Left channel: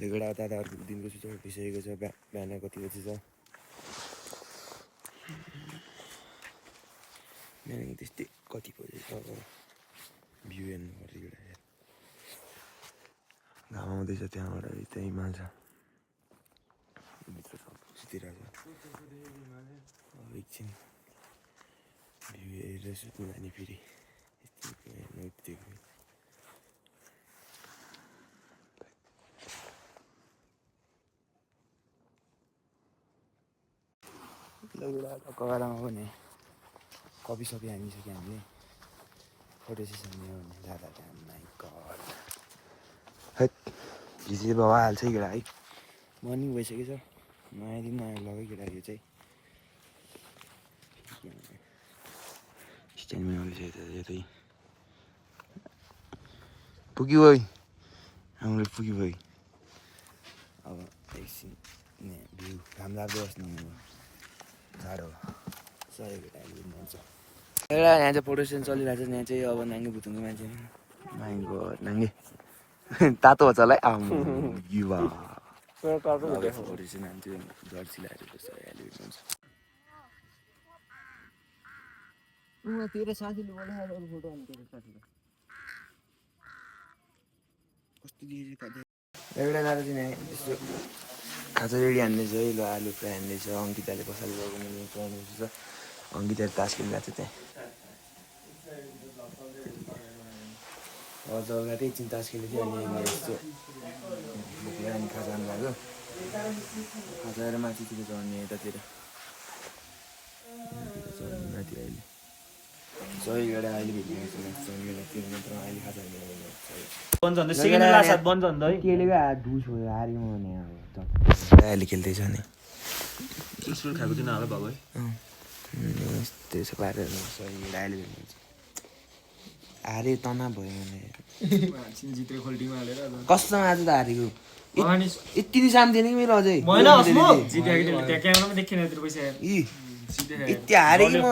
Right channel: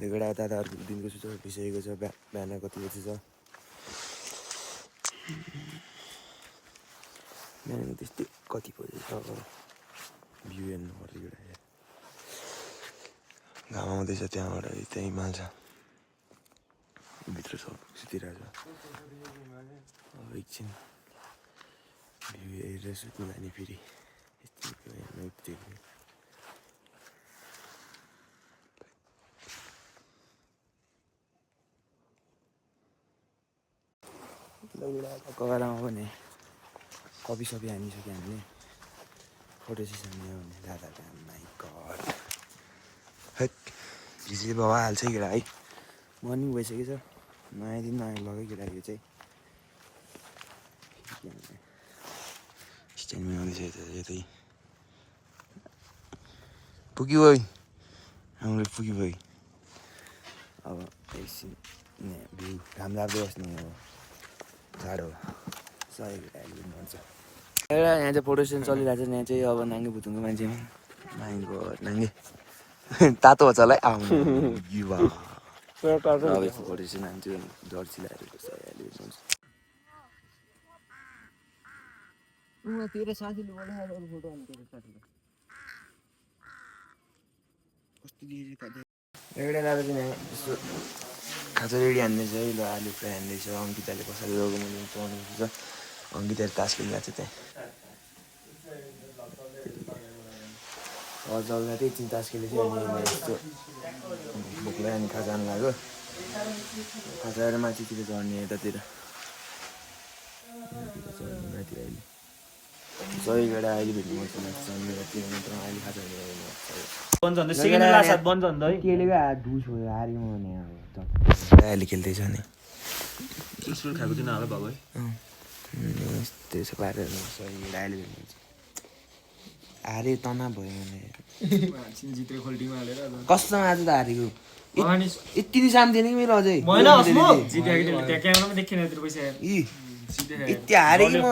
लेगडा दादा अर्को दिनको सुत्नु उठिसकेको छ। बिहान कति बजी छ? बिहानको त्यस्तै कति बजी छ अब भ्यू हेर्नु पर्छ एउटा। घाम आउँदैछ त्यहाँबाट त्यहाँ हिमाल छ भित्र सब सुतिरहेको छ। अब एकछिन भ्यू हेरेर सुत्नु जाने फेरि कगरामा पनि कपी सपी हानिसक्यो हामीले। फोटो सेसन लियो भने दादा माइ गड हैट हिजो बाबा हाल्छ केटा है। मर्निङ भइसकेको छ। नयाँ दिन नयाँ लगाइ केटा यो चाहिँ स्ट्यान्डमा आउँदैछ यतै पुग्यो है हाम्रो पुग्यो भाइ। अब एकछिन भ्यू घाम लाग्दै बस्ने अब जाडो सही केटा अहिले भन्छ। एउटा यहाँ चाहिँ फोटो सेसन चलिरहेको छ। यहाँ चाहिँ अब नाङ्गे भुतुङ्गे मान्छे माइ गड नाङ्गे तातो छ होला है आउनु युवा फोटो सेसन हान्छु जर्सी लगाएर जस्तो अहिले भन्छ। तेरो साथीले बनाएको फोटो अनि तेरो साथीले कस्तो एउटा दादा चाहिँ यहाँ यस्तो खाजा रेडी हान्दैछ है। ल आलु फ्राई हान्दैछ। अङ्किताले कसरी रोगेर चलाउनुहुन्छ। अङ्किताले तास खेलिरहेको छ त्यहाँ। जग्गा त्यही एकछिन तास खेलेको थियो। अनि यस्तो भोकले अनि खाजा आउनु लाग्यो। खाजा आएर माथितिर चढ्ने यतातिर माथि अहिले सही केटा अहिले भेट्नु पर्छ मेरो 3 मिनटमा अहिले खाजा केलेको हात धुस भयो हार्यो भने अहिले खेल्दैछ नि खाएको दिन हाल भएको है। त्यसो पारेर सही अहिले भेट्नु हारे तना भयो भने कस्तो आज त हारेको यति नि साम दिने कि मेरो अझै यति हारे कि म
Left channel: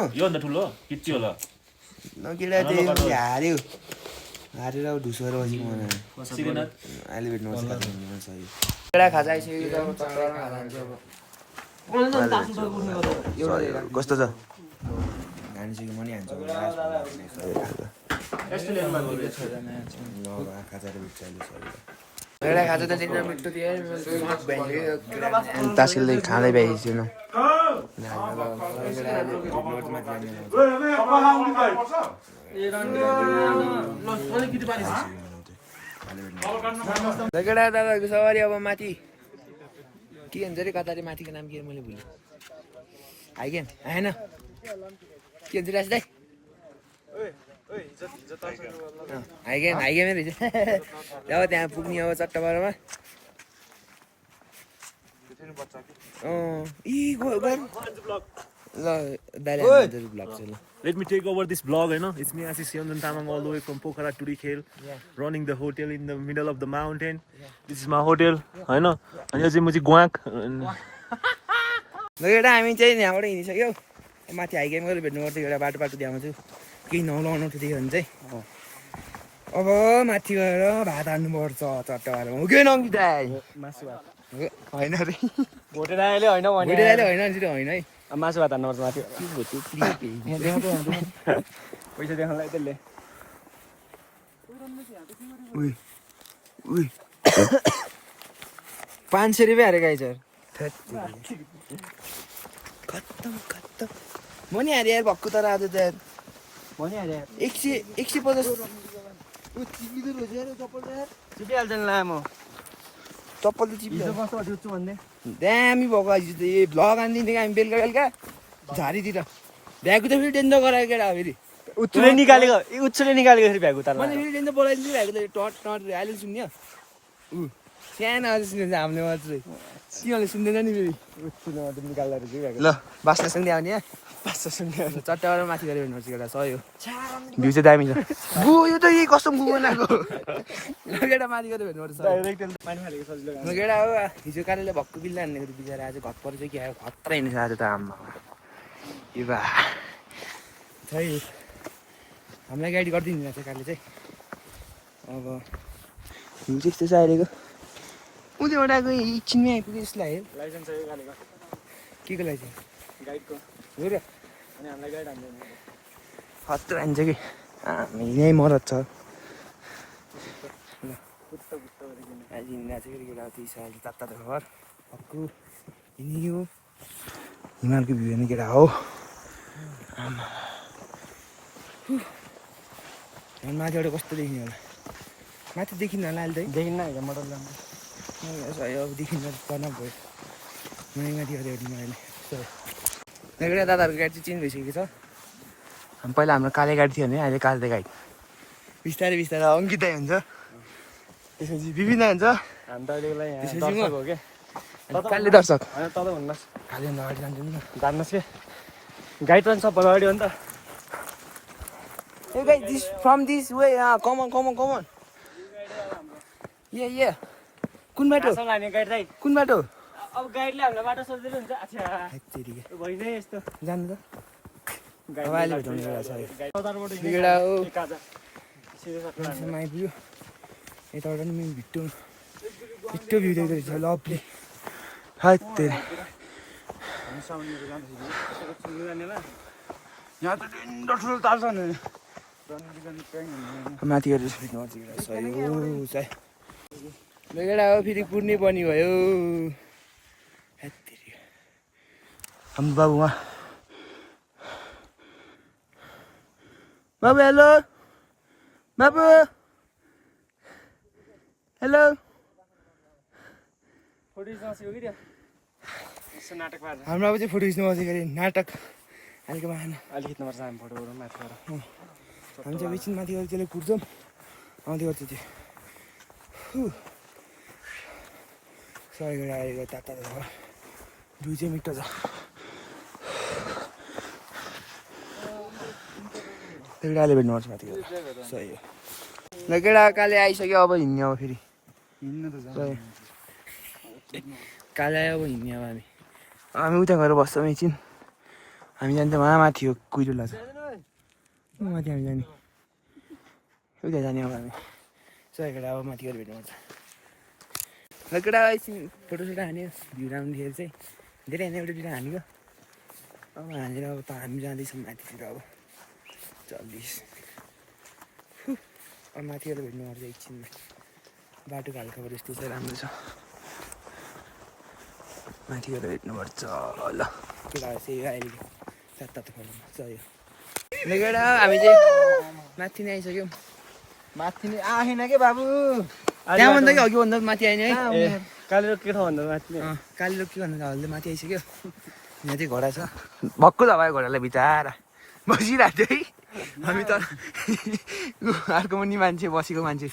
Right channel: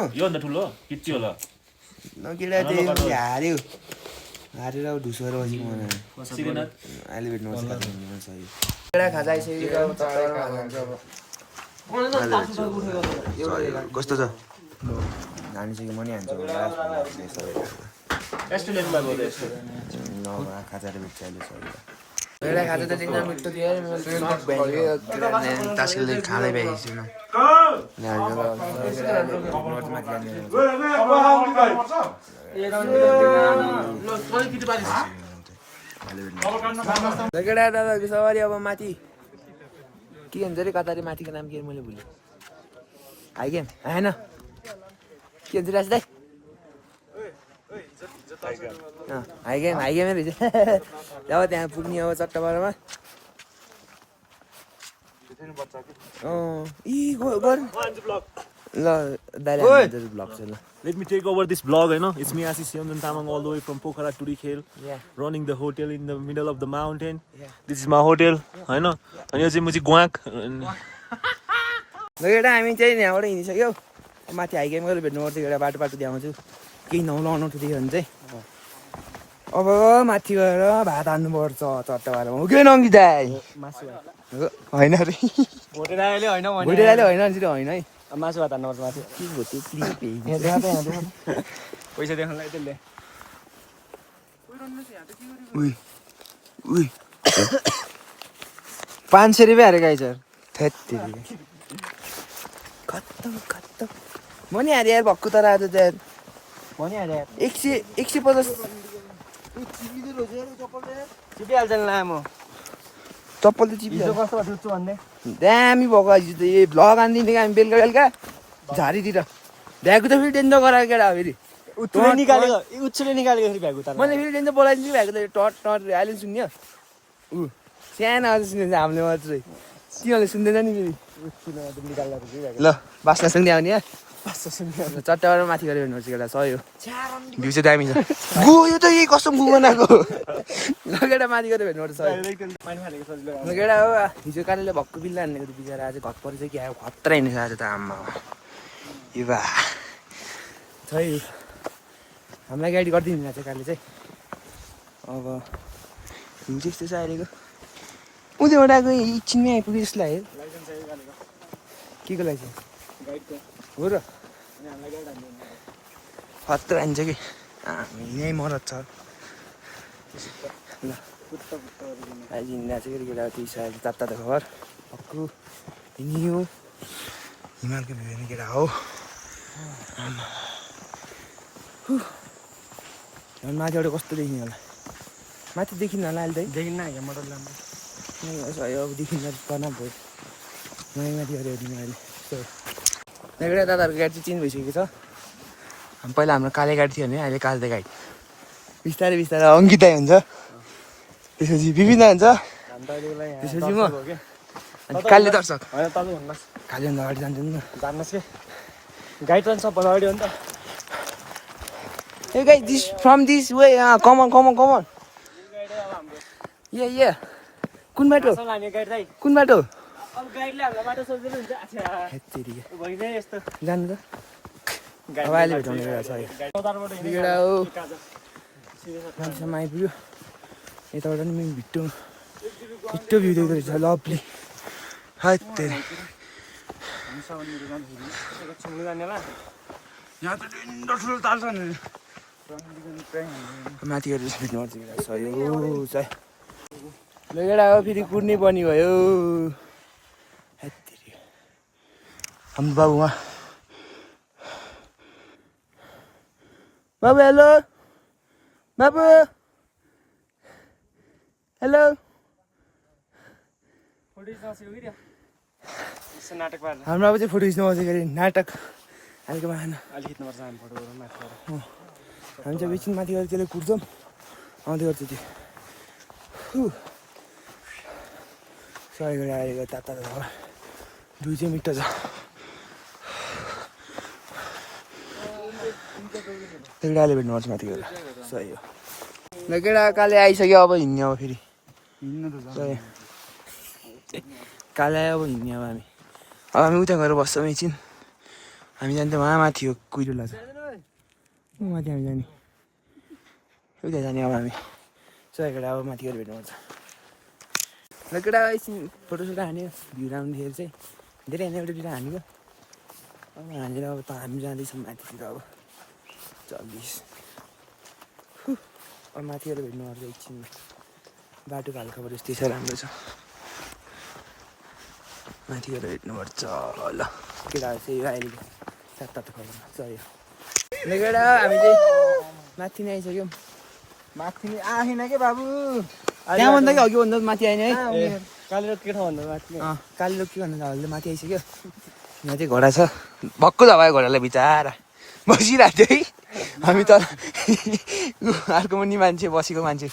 केटा चाहिँ हार्यो हारेर ढुसोएर बसेको मलाई अहिले भेट्नु पर्छ। केटा खाजा आइसकेको अब तत्त्वमा कस्तो छ हानिसक्यो म नि हान्छ खाजाले भेट्छ अहिले एउटा खाजा त दिन मिठो थियो तास खेल्दै खाँदै भ्याइसकेन। केटा दादाहरूको सवारी अब माथि के भन्छ अरे कतारे माथिको नाम के मैले भुलेँ। आइगेन आएन के भन्छ राज दाइ हाइगेमै रहेछ। अब त्यहाँ पुग्ने अब चट्टबारमा Let me take over this vlog, It's me, Ashish Yondan Tamang, all the way from Pokhara to Rikhel, running the hotel in the middle of the mountain. This is my hotel, And यो चाहिँ म चाहिँ ग्वाक केटा हामी चाहिँ यहाँबाट हिँडिसक्यौ। माथि हाइगेम गरेर भेट्नु पर्छ एउटा बाटो देखाउँछु केही नहुलाउनु थियो भने चाहिँ। अब माथि गएर भात हान्नुपर्छ चट्टबारमा हो कि नङ्गिता होइन अरे भोटेराले होइन भने होइन है मासु भात हान्नुपर्छ माथि पैसा देखाउनलाई त्यसले 500 रुपियाँ हारेको है सर खत्तम म नि हारे यार भक्कु तर आज त्यहाँ म नि हारे 150 चिपिहाल्छ नि लामो चप्पल त चिपिहाल्छ कस्तो भन्ने दामी भएको आज त ए भ्लग हानिदिने हामी बेलुका झारीतिर भ्यागु त फेरि टेन्डर गराएको केटा हो फेरि उच्चले निकालेको फेरि भ्यागु त मैले फेरि टेन्डर बोलाइदिन्छु भ्यागु त टट अहिले सुन्यो सानो आज सुनेछ हामीले मात्रै तिनीहरूले सुन्दैन नि फेरि ल बास्नासँग आउने चट्टाबाट माथि गरेर हेर्नुहोस् केटा सही हो भ्यू चाहिँ दामी छ गयो त यही कस्तो गु बनाएको केटा माथि गरेर हेर्नुपर्छ केटा हो हिजो कालीले भक्कु बिल्ला हान्नेको बिचरा आज घट परेछ कि आयो खत्रै हिँडेछ आज त आम्मा ए बा छै हामीलाई गाडी गरिदिनु चाहिँ कालीले चाहिँ अब भ्यू चाहिँ यस्तो छ अहिलेको उनीबाट आएको एकछिनमै आइपुग्यो जस्तो लाग्यो के को लाइसेन्स हो र खतरा हान्छ कि यहीँ मरद छ ल अहिले हिँड्दा चाहिँ फेरि केटा ती साइड तात्ता त घर हक्कु हिँड्यो हिमालको भ्यू हेर्ने केटा हो आमा झन् माथिबाट कस्तो देखिने होला माथि देखिन्न होला अहिले त देखिन्न होइन मोटर राम्रो अब देखिन्न पर्न भयो नयाँ माथि गऱ्यो हेर्नु अहिले एउटा दादाहरूको गाडी चाहिँ चेन्ज भइसकेको छ पहिला हाम्रो काले गाडी थियो भने अहिले काले गाडी बिस्तारै बिस्तारै अङ्किता हुन्छ त्यसपछि विभिन्न हुन्छ त्यसपछि म काले दर्शक होइन तल भन्नुहोस् कालेभन्दा अगाडि जान्छ नि जान्नुहोस् कि गाइड पनि सबभन्दा अगाडि हो नि त Hey guys, this from this way. Come on. Yeah. कुन बाटो? कुन बाटो? अब गाइडले हामीलाई बाटो सोध्दैन हुन्छ भइसक्यो यस्तो जानु त अब अहिले भेटाउने कुरा छ बिगडा हो मान्छेमा आइपुग्यो यताबाट पनि भिट्टो भ्यू देख्दो रहेछ लभली हात तेरे यहाँ त ठुलो ताल छ नि माथि गएर भेट्नु पर्छ सही चाहिँ लगेडा हो फेरि कुर्ने पनि भयो हाम्रो बाबु उहाँ बाबु हेलो बाबु हेलो नाटक पार्नु हाम्रो अब चाहिँ फोटो खिच्नु बसेको अरे नाटक अहिलेको आएन अलिक खिच्नुपर्छ हामी फोटो हामी चाहिँ एकछिन माथि गएर त्यसले कुर्छौँ आउँदै गर्छ त्यो सही गरेर आएको ताता घर 200 मिटर छ त्यो केटाले भेट्नुपर्छ माथि गएर सही हो ल केटा काले आइसक्यो अब हिँड्ने अब फेरि काले आयो अब हिँड्ने अब हामी उता गएर बस्छौँ एकछिन हामी जान्थ्यौँ माथि हो कुहिरो लाग्छ माथि हामी जाने उता जाने अब हामी सही केटा अब माथि गएर भेट्नुपर्छ ल केटा एकछिन फोटोसोटो हान्यो भ्यू राम्रो देखेर चाहिँ धेरै होइन एउटा दुइटा हानेको अब हानेर अब त हामी जाँदैछौँ माथितिर अब चल्दैछ अब माथि गएर भेट्नुपर्छ एकछिन बाटोको हालखबर यस्तै छ राम्रो छ माथि गएर भेट्नुपर्छ ल केटा चाहिँ अहिलेको सात खबरमा सही हो ल केटा हामी चाहिँ माथि नै आइसक्यौँ माथि आएन के बाबु त्यहाँभन्दा कि अघि भन्दा माथि आएन है कालो के ठाउँ भन्दा माथि काली लोक के भन्दा हल्ले माथि आइसक्यो यहाँ चाहिँ घोडा छ भक्कु त भयो घोडालाई बिचारा बसिरहेको थियो है हामी त अर्को पनि मान्छे बसेको मान्छे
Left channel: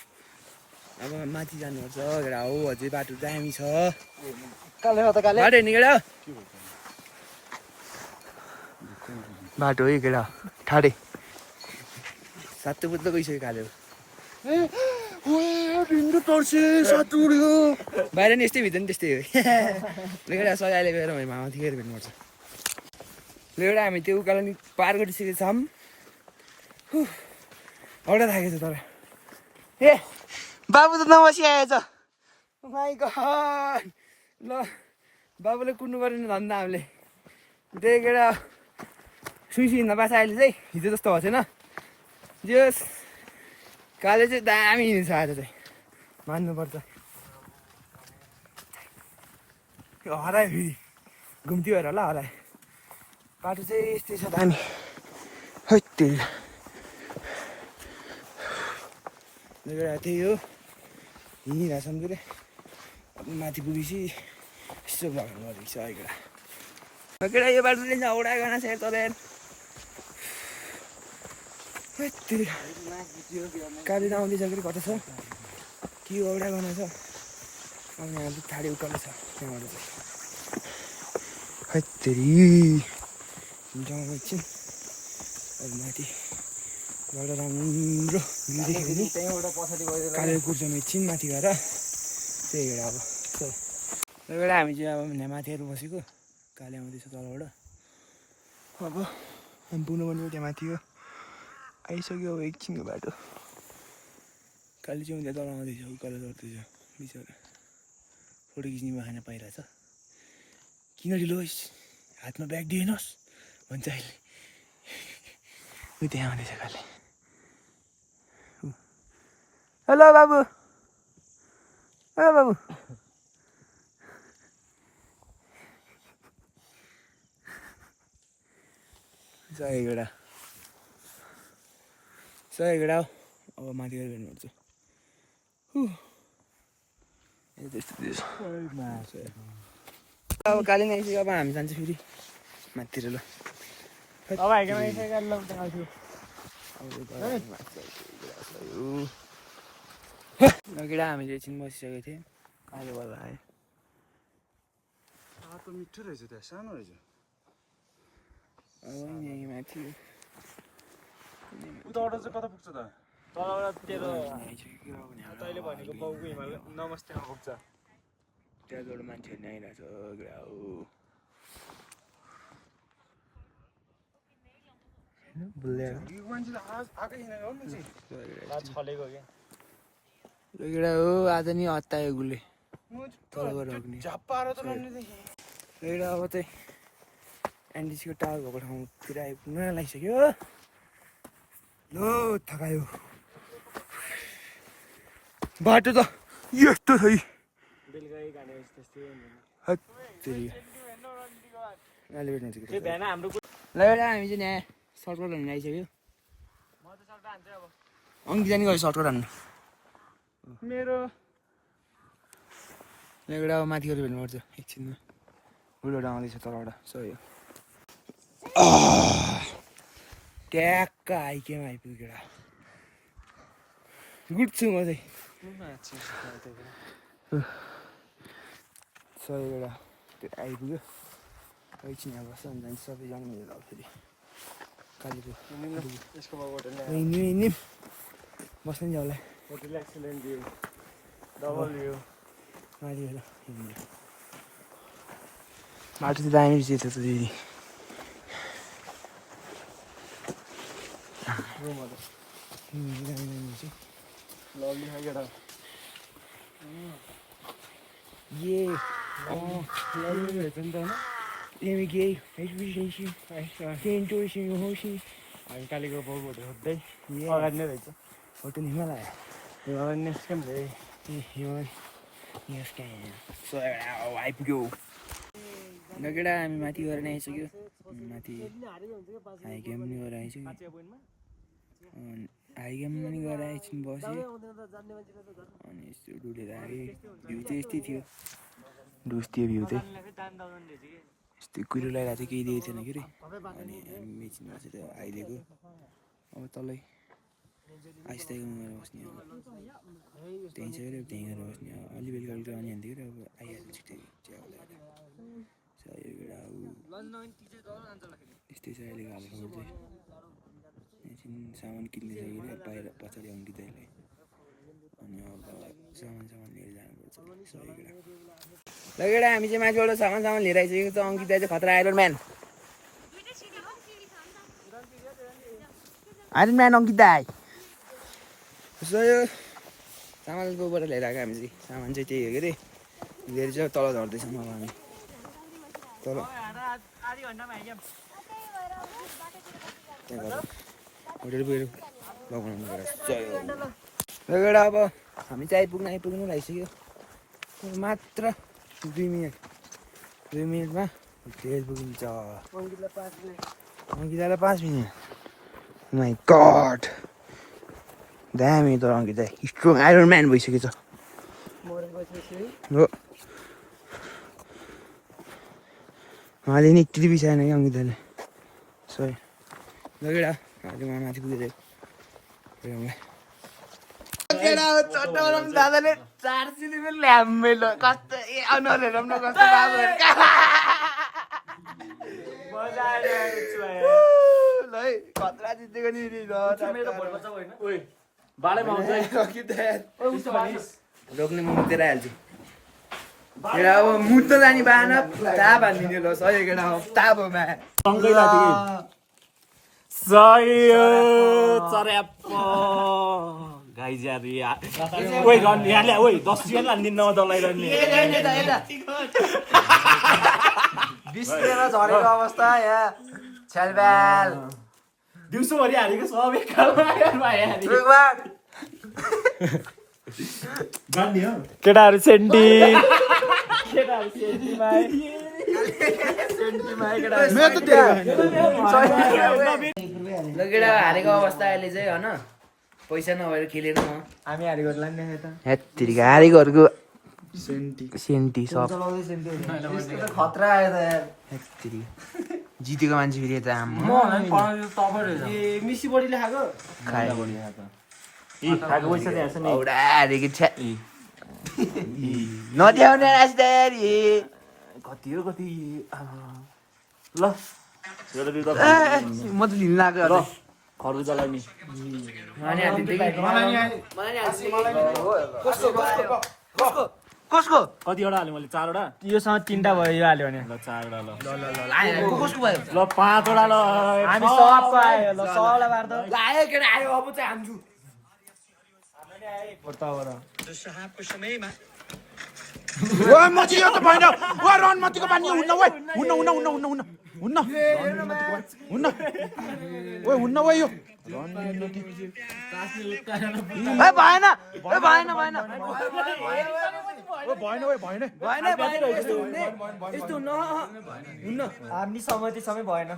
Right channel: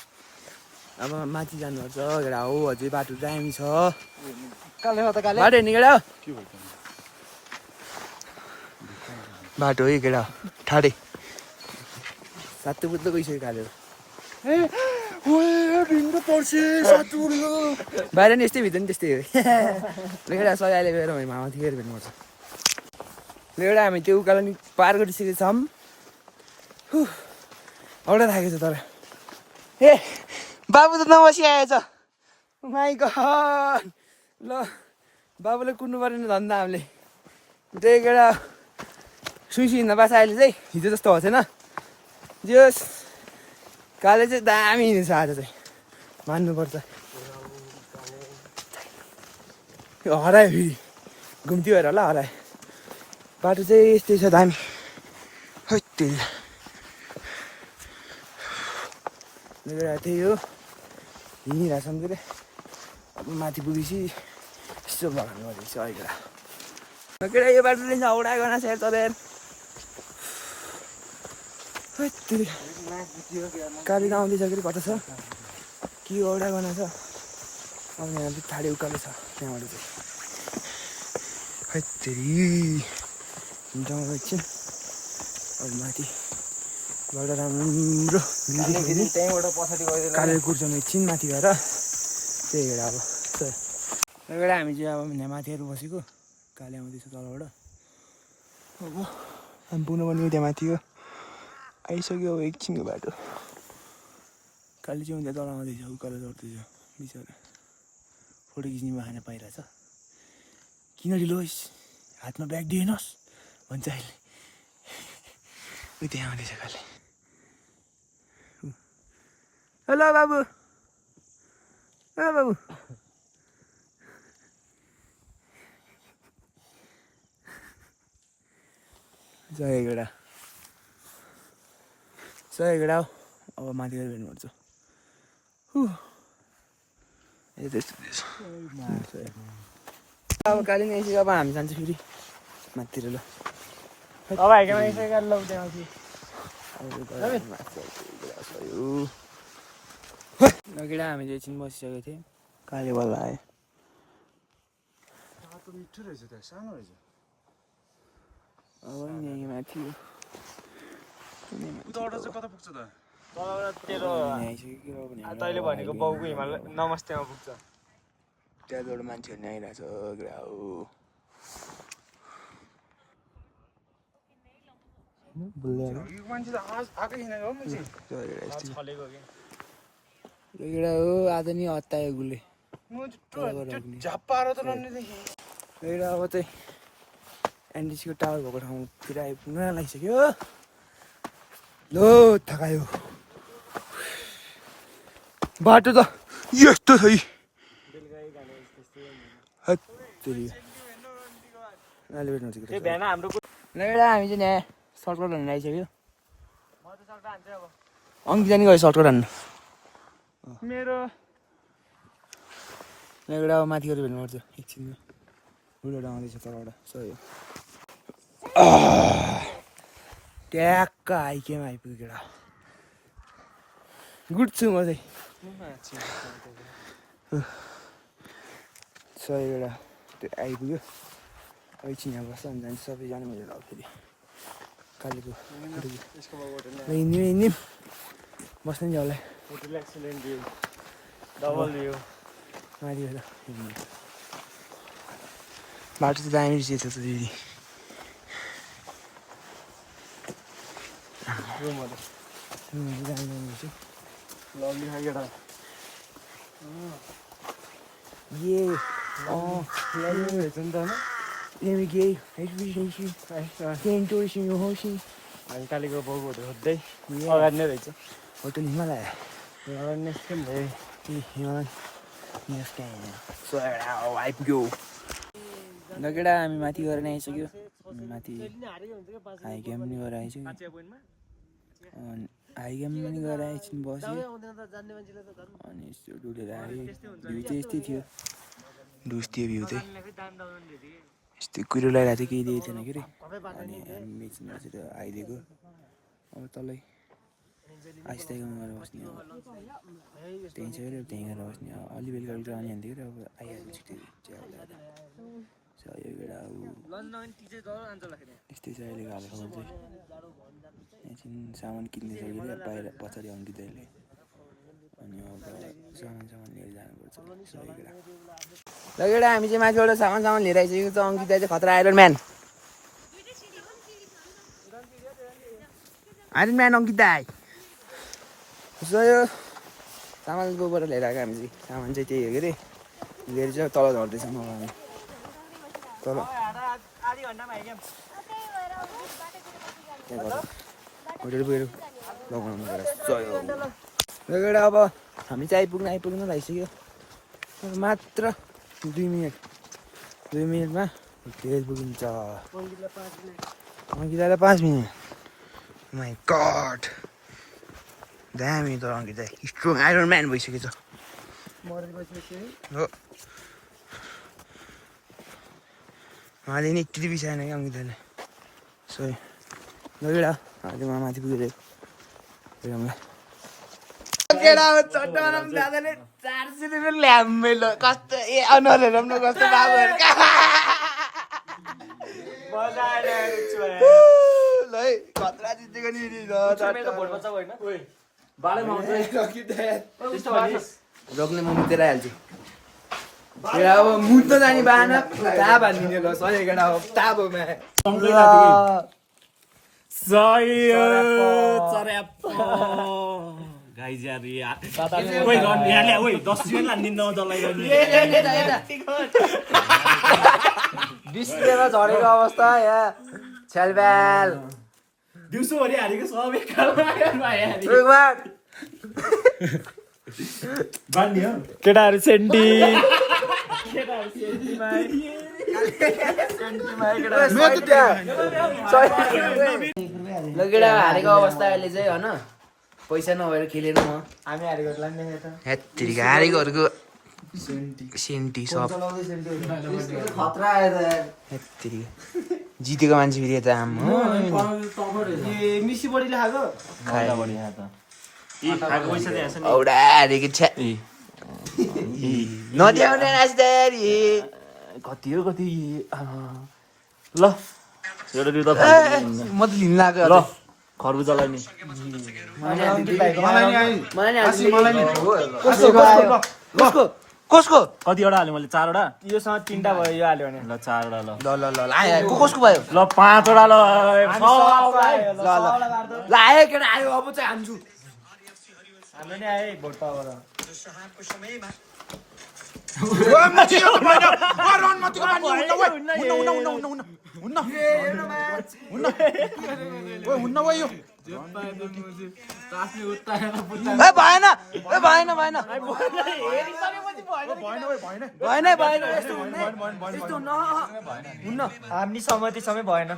अब माथि जानुपर्छ केटा हो अझै बाटो दामी छ बाटो हेर्ने केटा बाटो है केटा ठाडे सातो बुत्तो गइसक्यो कालेर बाहिर नि यस्तै भित्र नि त्यस्तै हो लेखेर सबै अहिले गएर हामी माथि गएर भेट्नुपर्छ लेखेर हामी त्यो उकालो नि पार गरिसकेको छौँ औडा थाकेको छ तर ए बाबु त नबसी आएछ माइ गड ल बाबुले कुद्नु परेन धन्दा हामीले त्यही केटा सुइसी हिँड्न पाएको अहिले चाहिँ हिजो जस्तो भएको छैन जोस् काले चाहिँ दामी हिँड्छ आज चाहिँ मान्नुपर्छ हरायो फेरि घुम्ती भएर होला हरायो बाटो चाहिँ यस्तै छ दामी है त्यही त्यही हो हिँडिरहेछौँ के अरे अब माथि पुगेपछि यस्तो भगाउनु गरेको छ अहिले केटा यो बाटो चाहिँ औडा गना सेयर गरेर गाडी त आउँदैछ कि कता छ के औडा गना छ अब यहाँ चाहिँ ठाडे उकालो छ त्यहाँबाट चाहिँ हैत्तेरी हुन्छ एकछिन अब माथिबाट राम्रो भ्यू देखेर कालेर कुर्छौँ एकछिन माथि गएर त्यही भएर अब त्यही हामी चाहिँ अब यहाँ माथिहरू बसेको काले आउँदैछ तलबाट अब हामी पुग्नु पनि त्यहाँ माथि हो आइसक्यो अब एकछिनको बाटो काली चाहिँ हुन्छ तल आउँदैछ उकालो चढ्दैछ बिचरा फोटो खिच्ने बहाना पाइरहेछ किन ढिलो होस् हातमा ब्याग दिएनस् भन्छ अहिले ऊ त्यहाँ आउँदैछ कहिले हेलो बाबु ओ बाबु सय गेडा अब माथि गएर भेट्नुपर्छ अब काली नै अब हामी जान्छ फेरि माथितिर ल अब हाइटमा यसो गरेर लौ त्यहाँ केटा हामीले एकछिन बसिसकेको थियौँ काले बल्ल आयो मिठो रहेछ त्यहाँ सानो रहेछ अब यहीँ माथि उता अटो चाहिँ कता पुग्छ त तैँले भनेको बाउको हिमाल नमस्तेमा पुग्छ त्यहाँबाट मान्छेहरू नै आइरहेछ ग्रा हो यो मान्छे त आएकै छैन हो मान्छे केटा हो आज नि हतायो गुले तलबाट अग्नि झप्पाएर त लड्ने देखेँ एउटा अब चाहिँ एनडिसीको टावर भएको ठाउँतिर आइपुग्न लागिसक्यो लो थकायो बाटो त यस्तो छ है ल एउटा हामी चाहिँ यहाँ सर्टकट हान्नु आइसक्यो अङ्किता नि गयो सर्टकट हान्नु मेरो एउटा अब माथि गएर भेट्नुपर्छ एकछिनमा बुढोबाट आउँदैछ तलबाट सही हो ट्याक्क आइकेमा आइपुग्यो केटा गुड छु म चाहिँ सही एउटा त्यो आइपुग्यो एकछिन यहाँ बस्छ अनि जान्छ सबैजना मिलेर अब फेरि कालीको हिँड्यौँ बस्नु नि होला होटल एक्सिलेन्ट दियो डबल दियो माथि गएर हिँड्नु बाटो त दामी रहेछ त फेरि दामी दामी रहेछ लग्ने खाएर ये रहेछ नि त होइन Navigate, expedition, came to the ocean. हामी कालीको बाउको होटल खोज्दै अगाडि नै रहेछ होटल हिमालय हिमालयन निस्क्यौँ हिमालय नेक्स्ट टाइम सो आइपुग्यो ल केटा हामी माथि गएर नै आइसक्यो माथि हाई क्याम्प पनि गएर आइसक्यो हाई क्याम्प पनि गएर एकछिन बसेँ अनि यस्तो डुलेर आएँ भ्यू चाहिँ यस्तै थियो डुस थियो भ्यू चाहिँ यस्तै कुरो लगाएर चाहिँ केही दिएको थिएन के अरे अनि हामी मेचिनबाट चाहिँ त्यो आइदिएको अब तलै आइस्ताइकोमा गएर बस्ने अब त्यहीँ छ अरे त्यहीँ गएर बस्ने अब अलि बेलुका बेलुका आउने हान्थ्यो कि अब आइहाल्यो छिट्टै चिया ल्याएर यो केटा अब यस्तै छ अहिलेको हाल खबर चाहिँ एकछिन सामान किन्दैछ कि अरे बाहिर पछाडि अङ्किँदैले अनि अब सामान लिएर जानुपर्छ सही केटा ल केटा हामी चाहिँ माथिबाट सामान लिएर आइसकेको छ अङ्किता चाहिँ खतरा आइरन म्यान अङ्किता सो यो सामानकोबाट लिएर आएको हामी चाहिँ सामान चाहिँ त्यही हो के अरे लिएर चाहिँ तल झर्दैछौँ अब हामी तल त्यहाँ होटेल पुगेर लगाउनु गएर ल केटा अब हामी चाहिँ आइपुग्नु लागिसक्यो मात्र 2 मिनटमा होटेल पुगिन्छ अङ्कितालाई 5 मिनट माई गड दामी त अङ्किता स्ट्रङ आइरन म्यान भइसकेको छ हो उहाँले नि एकचोटि बिसाएन कि अङ्किताले सही लगेडा अहिले माथि पुगेर दादाले 400 रुपियाँ ल्याम्मै ल कस्तो ए अनुहारहरू पनि कस्तो बाबुहरू ल है खतरा जितेको नि रोक्ने म मुतेर हाल्छु अब मुद्द जाने बाहना ताब हालिदिने ल सही केटा हो ताबोमा गाइज यार ओइ रन यारले ओइ 10 जुन लान्दिन न दलाई रन डिस्प्लेमा झरेको अवस्था यहाँ छ्यालब्याल दिउँसोभरि हारेको सब एकखालमा बान्ने हो केटाहरू सेन्टी ल केटा हारेको अवस्था अहिले चाहिँ होइन पैसा नभएर खेलेर म हामी हारेको लान्ने त हेत्तिरिका हारेकोहरूको सेन्टी सब खतरा आयो त यार हेत्तिरिका जितेको मान्छे फेरि यता आम हो मिसी बढी लेखाएको खायो पैसा दिएछ नि औडा हारेको छ्या नद्याउने राजदारी कति हो कति ल छोडो दिउ त म त लिन लाग्यो ल खरबुजालाई नि कसको कतिवटा हाल्यो मैले 4 वटा योसँग 3टा भयो हाल्यो भने ल 4 वटा ल ल ल ल आयो कसको भयो ल 5 वटा ल ल आयो केटा आयो अब चाहिँ हान्छु भएन भएन भएन हामी सहमति सबै भएन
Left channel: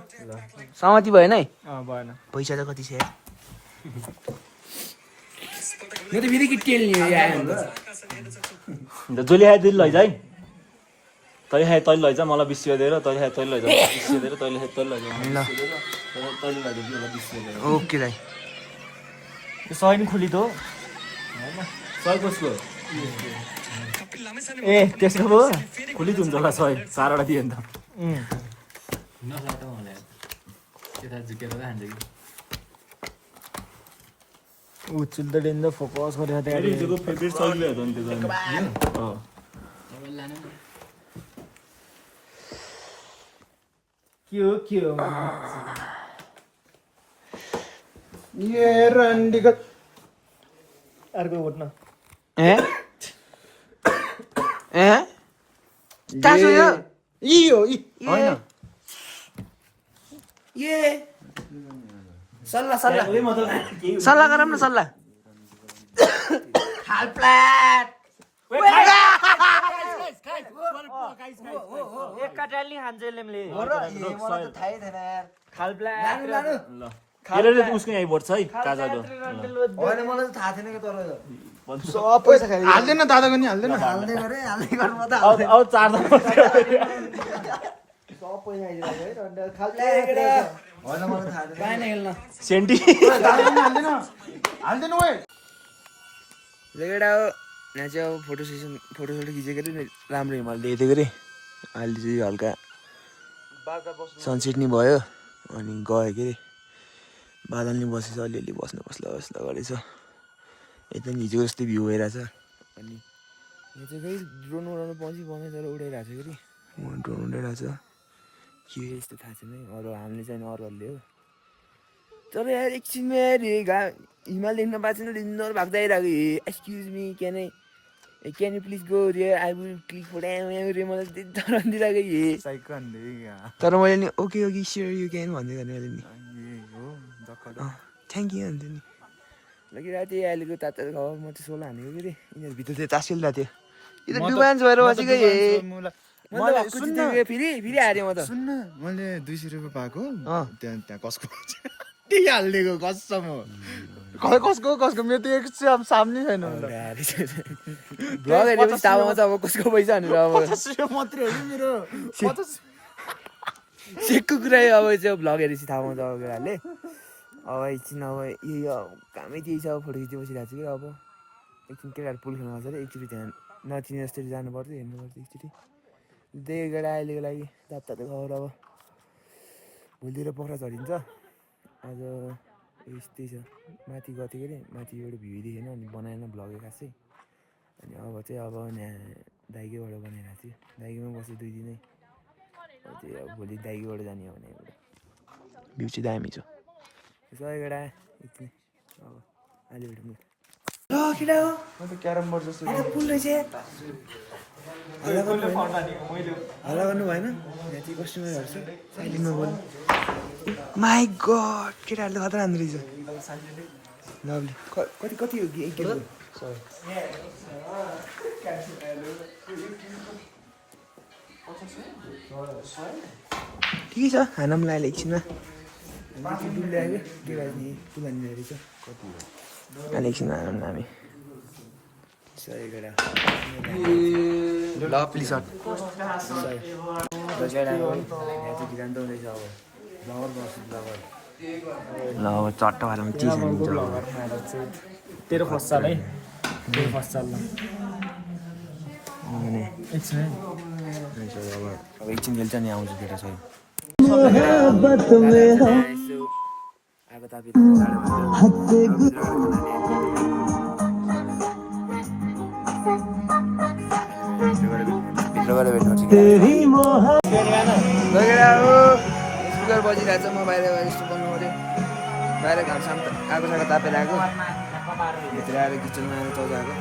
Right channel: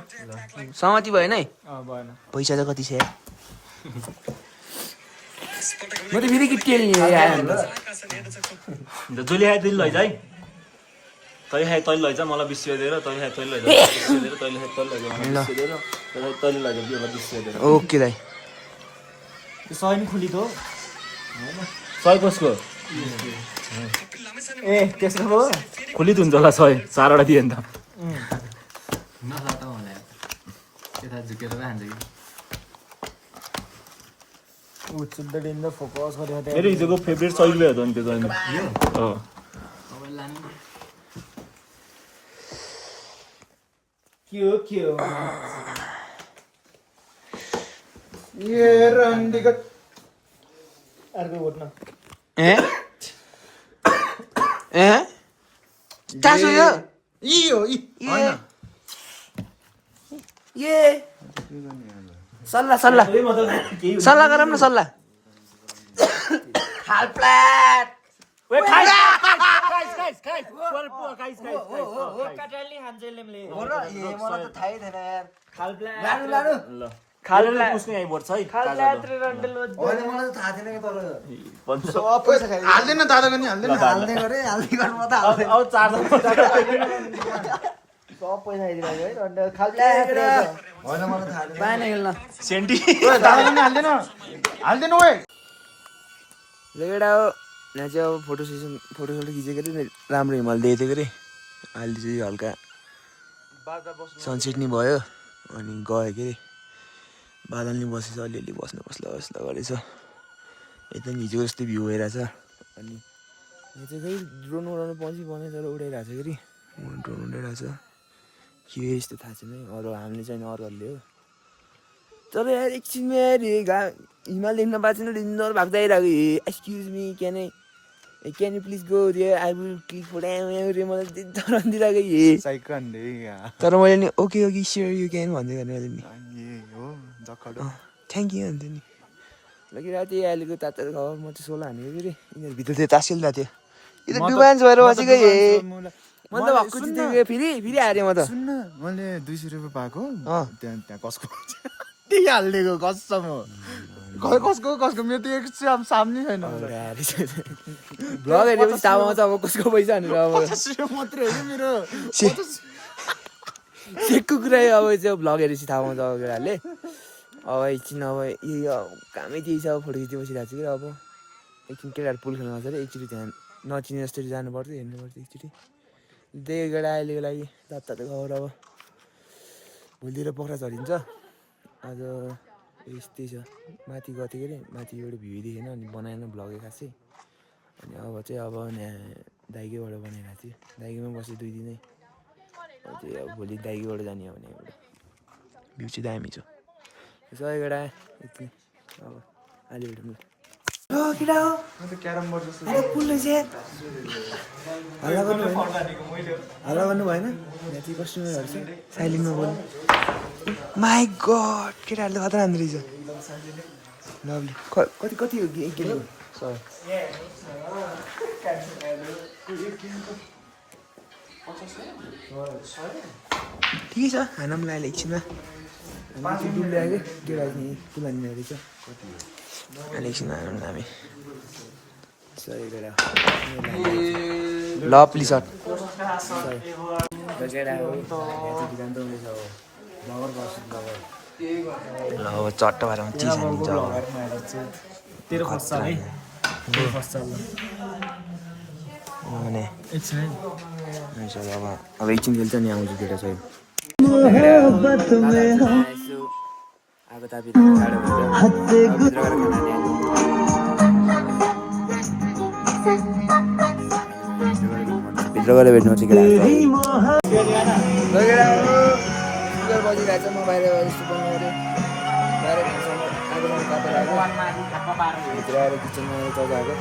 सहमति भएन है भएन पैसा चाहिँ कति छ म त फेरि टेल्ने जसले खाए त्यसले लैजा है तैँले खाए तैँले लैजा मलाई 20 रुपियाँ दिएर तैँले खाए तैँले लैजा 20 रुपियाँ दिएर तैँले खाए तैँले लैजा मलाई 20 रुपियाँ दिएर तैँले लैजा मलाई 20 रुपियाँ दिएर ओके दाइ सय नि खुली दो सय कसको ए त्यसको दो खुलित हुन्छ होला 100 4 वटा दिए नि त नसाटा होला यता झुकेर खान्छ कि उचुल्दा डेन्दा फोकस गरेर मेरो हिजोको फेभरेट सहिले हो त नि त्यो जानु यो हो के हो ये रन्डीको अर्को घुट्न चासो यो ए सल्लाह सल्लाह सल्लाह गरौँ न सल्लाह मलाई त थाहै थिएन यार उसको आइपर्छ है होइन मलाई त थाहा थिएन कि तर हाल्दैन दादा पनि हाल्दैन हाल्ने गरे हाल्ने गर्नु म त हाल्दैन अब 4 सब पैसा आइदिनु है होइन मलाई थाहा थिएन पाएन खेल्न सेन्टी हाल्दैन ओए केटा हो यहाँ चाहिँ अब फोटो सोटो खिचेको अरे राम्रो हिमाल देखेको अरे अहिले चाहिँ हल्का सनसेट नि भयो अनि गयो के अरे बादल नि बसेछ अलिअलि बस्ला गरेछ यता नि हिजोको जस्तै भ्यू भइरहेछ अनि यहाँ चाहिँ फेरि ड्रोन उडाउनु पछि बनाएर उडाइरहेको छ कि ड्रोन उडाइरहेको छ के यस्तो थाहा छैन अरू हामीले चाहिँ अरूहरूले हो तर यार एकछिनमा यार हिमाल देख्न पाएको छैन डिन्जर भएको आइरहेको excuse me can you please go रे आई विल क्लिक फोटो रे मलाई दिइरहेको तर मैले नि ओके स्योर यु क्यान भन्दै गर्ने मैले नि थ्याङ्क यू भन्थ्यो नि लगी राति अहिलेको तातो खबर म चाहिँ 16 हानेको कि रे यिनीहरू भित्र थियो तासिल्दा थियो यो त डुबान्स भएर बसेको मैले त भक्कु जितेको फेरि हारेँ म त सुन्न मैले 200 रुपियाँ पाएको त्यहाँ कसको त्यही हालिदिएको कसम हो कसको मेरो त एक्स्ट्रा सामने छैन भ्लग हेरेपछि थाहा पाउँछ अब कसको पैसा भनेर अब मात्रै हो मेरो सेकको कुरा अब चाहिँ भ्लग हेरेपछि थाहा पाउँछ अब केटाहरूले अब एकछिन अब यही कामै त्यही छ अब फोटो खिच्दै बसिरहेको छु कि अब एकछिन केटाहरू पुल खेल्नु आउँछ अरे एकचोटि त्यहाँ नचिने जस्तै जानुपर्छ हेर्नुपर्छ एकचोटि त्यही केटा अहिलेको लागि तातो खबर अब भोलितिर पक्रा झरिन्छ आज यस्तै छ माथि गएको थियो कि अरे माथिबाट भ्यू देखेन अनि बनाएन भ्लगै खासै अनि अब चाहिँ अब यहाँ दाइगेबाट बनाइरहेको थियो दाइगेमा बसेँ 2 दिनै चाहिँ अब भोलि दाइगेबाट जाने हो भने भ्यू चाहिँ दामी छ यसो केटा यति अब अहिले भेटौँ ल केटा हो क्यारम बोर्ड जस्तो अरे पुल रहेछ हल्ला गर्नु भएन यहाँ चाहिँ कस्टमरहरू छ साइलेन्टमा बोल्नु माई गड केटाहरूले खतरा हान्दो रहेछ लभली कति कति हो एक गेमको ठिकै छ खाना पनि लाग्यो एकछिनमा हामी चाहिँ डुल्दै आयो क्या केटाहरू पुल हान्ने रहेछ अहिले एकछिनमा खाना पनि हामी सही केटा लभली सट केटा हो यहाँ चाहिँ भिरान्त हुँदैछ अब ब्लगर बस्छु ब्लगर ल अब चट्ट भएर चिज हानिन्छ अब तेरो फर्स्ट साल है तेरो फर्स्ट साल भने एकछिन है अब एकछिन खेल्छ नि आउँछु केटा चाहिँ आगो तापी भित्र गएर भेट्नु स्पिकर बजिरहेको छ म बाहिर यस्तो बन्नु पऱ्यो बाहिर घामसाम आगो सागो तापेर आएको भित्र आएर किचनमा आएर चौध आएको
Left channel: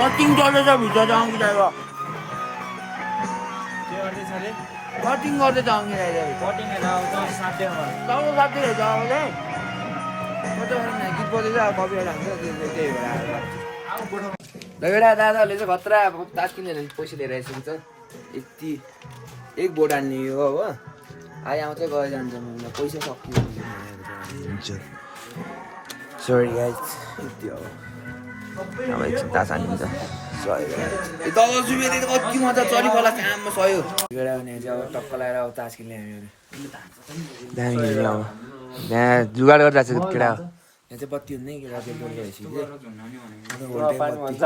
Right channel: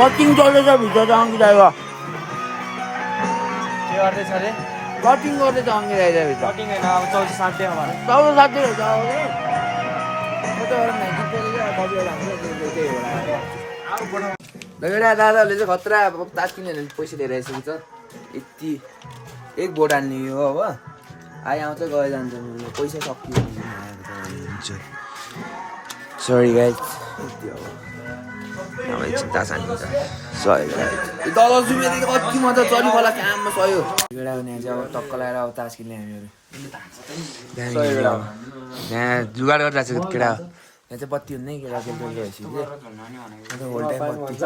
कटिङ चल्दैछ भित्र त आउँछु दाइ कटिङ गर्दैछ आउँछु दाइ भित्र 460 चौध 60 हो त आउँदै कति बेला गीत बजेको अब कतिवटा हुन्छ त्यही भएर लगेडा दादाहरूले चाहिँ खतरा अब तास किनेर पैसा लिएर आइसकेको छ यति एक बोट हाल्ने हो अब आउँछ गएर जान्छ पैसा सकियो सरी गाइज यति हो अब एकछिन तास हालिन्छ सही कति मजा चरी खोला काममा सह्यो केटा हुने चाहिँ अब टक्क लगाएर अब तास किन्ने हामीहरू दामी खेल्ने अब यहाँ जुगाड गरेर जान्छ केटा यहाँ चाहिँ बत्ती हुँदैन केटा बेलुका भइसक्यो होल टाइम बत्ती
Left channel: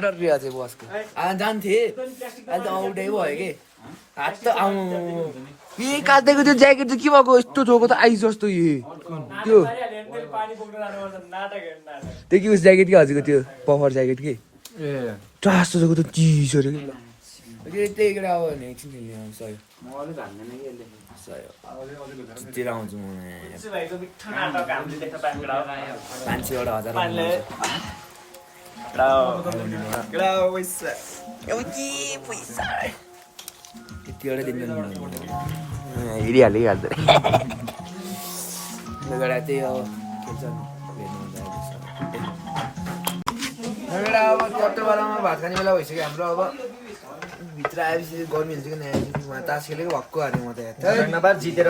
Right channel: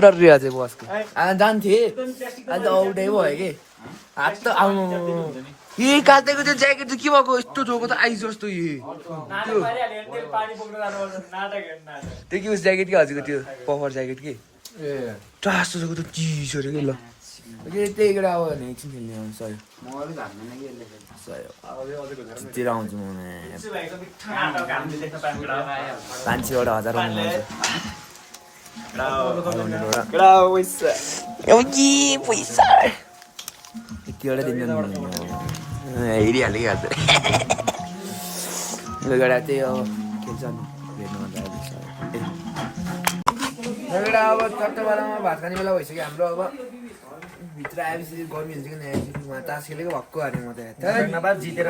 डर रिया चाहिँ बसको आज जान्थेँ आज त आउटै भयो कि हात त आउनु यही काटेको त्यो ज्याकेट चाहिँ के भएको यस्तो थोको त आइस जस्तो त्यो त्यो कि उस ज्याकेट कि हजुरको त्यो पफर ज्याकेट कि ए जस्तो थोको त चिसो अरे कि ल त्यही केटा अब भने एकछिन खेल्ने सही जितेर आउँछु म 500 1000 पैसा यतिवटा दिन हेरिहाल्यो कि हाल्दै केटा त्यही अब खेल्छ भेट्नु अब टट्टो बेलामा भात खाने बेला भइसक्यो हाम्रो अब भित्र आएपछि गर्मी हुन्छ कि नयाँ तास खेलेको भक्कु हाल्यो म त जितेर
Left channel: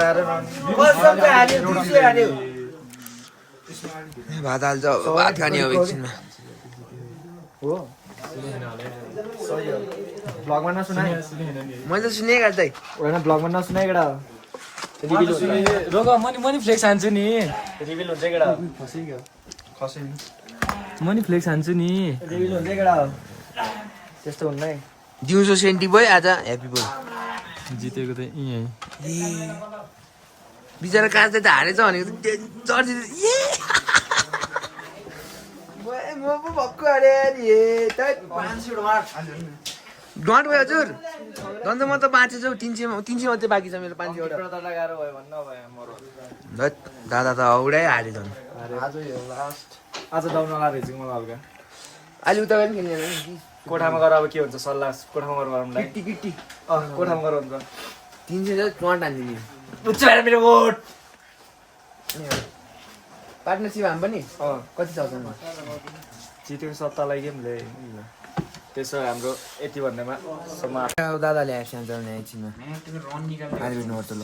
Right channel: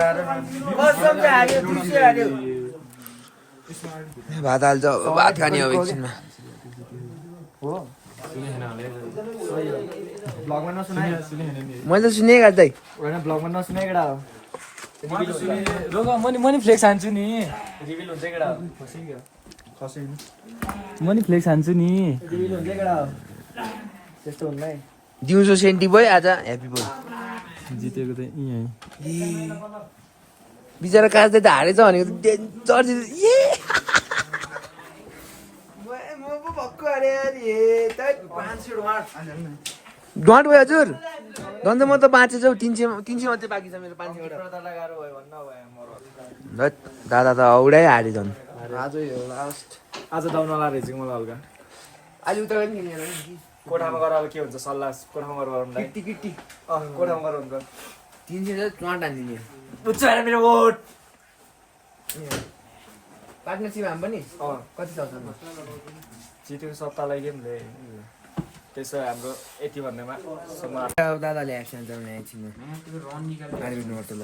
हाल्यो भात हाल्छ भात खाने अब एकछिनमा हो ब्लगमा नसुनाइ मैले त सुनेँ गाडी दाइ होइन ब्लगमा नसुनाइ केटा मनी फ्लेक्स हान्छु नि रिभिल हुन्छ केटा मनी फ्लेक्स हान्छु नि रिभिल हुन्छ केटा त्यस्तो हुँदैन दिउँसो सेन्टी भयो आज ह्याप्पी बोल जितेको त यहीँ बिचरा काट्दै त हारेछ भनेको त म पो भक्कु हारे डट भयो हजुर झन् म त बाँचेछ 300 मात्रै बाँकी छ मेरो 500 दादा त औडै हारे झन् आज दाउन लागेको रहेछ मलाई हल्का अहिले उता पनि खेल्ने कोठामा गएर अब के हुन्छ सल्लाह कोठामा गएर किट्टी कोठामा गएर हुन्छ 300 चाहिँ टन्ट हान्दिने बुझ्छु भएर मेरो भोट पार्टनरसिप हाम पनि कति छ जितेको सत्तालाई के हुन्छ त्यसो हाम्रो यति भन्नेमा दादाले एब्सेन्ट जाने एकछिनमा ल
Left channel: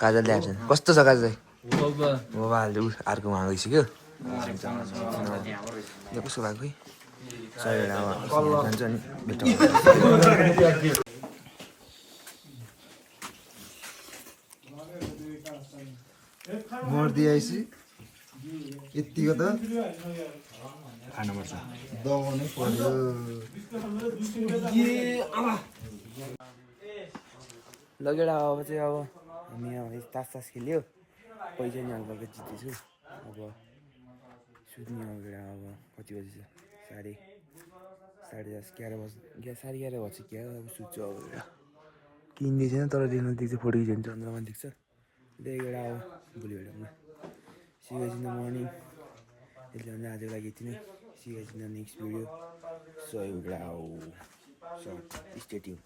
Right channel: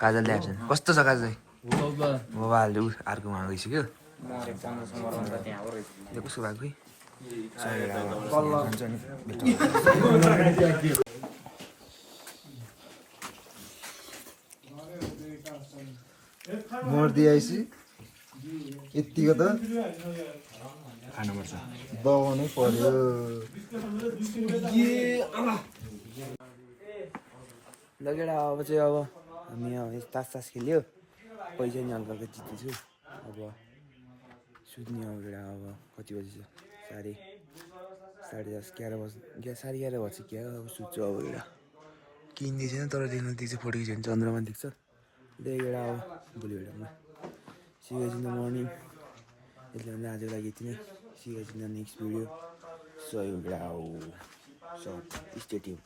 काजलले एब्सेन्ट कस्तो छ काजल मोबाइल अर्कोमा गइसक्यो यो कसो भएको मर्दी आइसी यतिको त खानुपर्छ दबाउनै पर्यो लगेर अब चाहिँ अब हामी अब तास खेल्यो पैसा नि हल्का जितेछु अब सुत्ने अब अब कति बजी छ 11:30 बज्छ क्या अब सुत्छु अब एउटा किन्दै छैन तर देख्न देख्छ फोटो खिच्यो भने चन्द्रमा देख्छ त्यही एउटा अब भोलि भेटौँला see you guys in the morning यसले भने आजको लागि यति नै see you guys in the next video so stay tune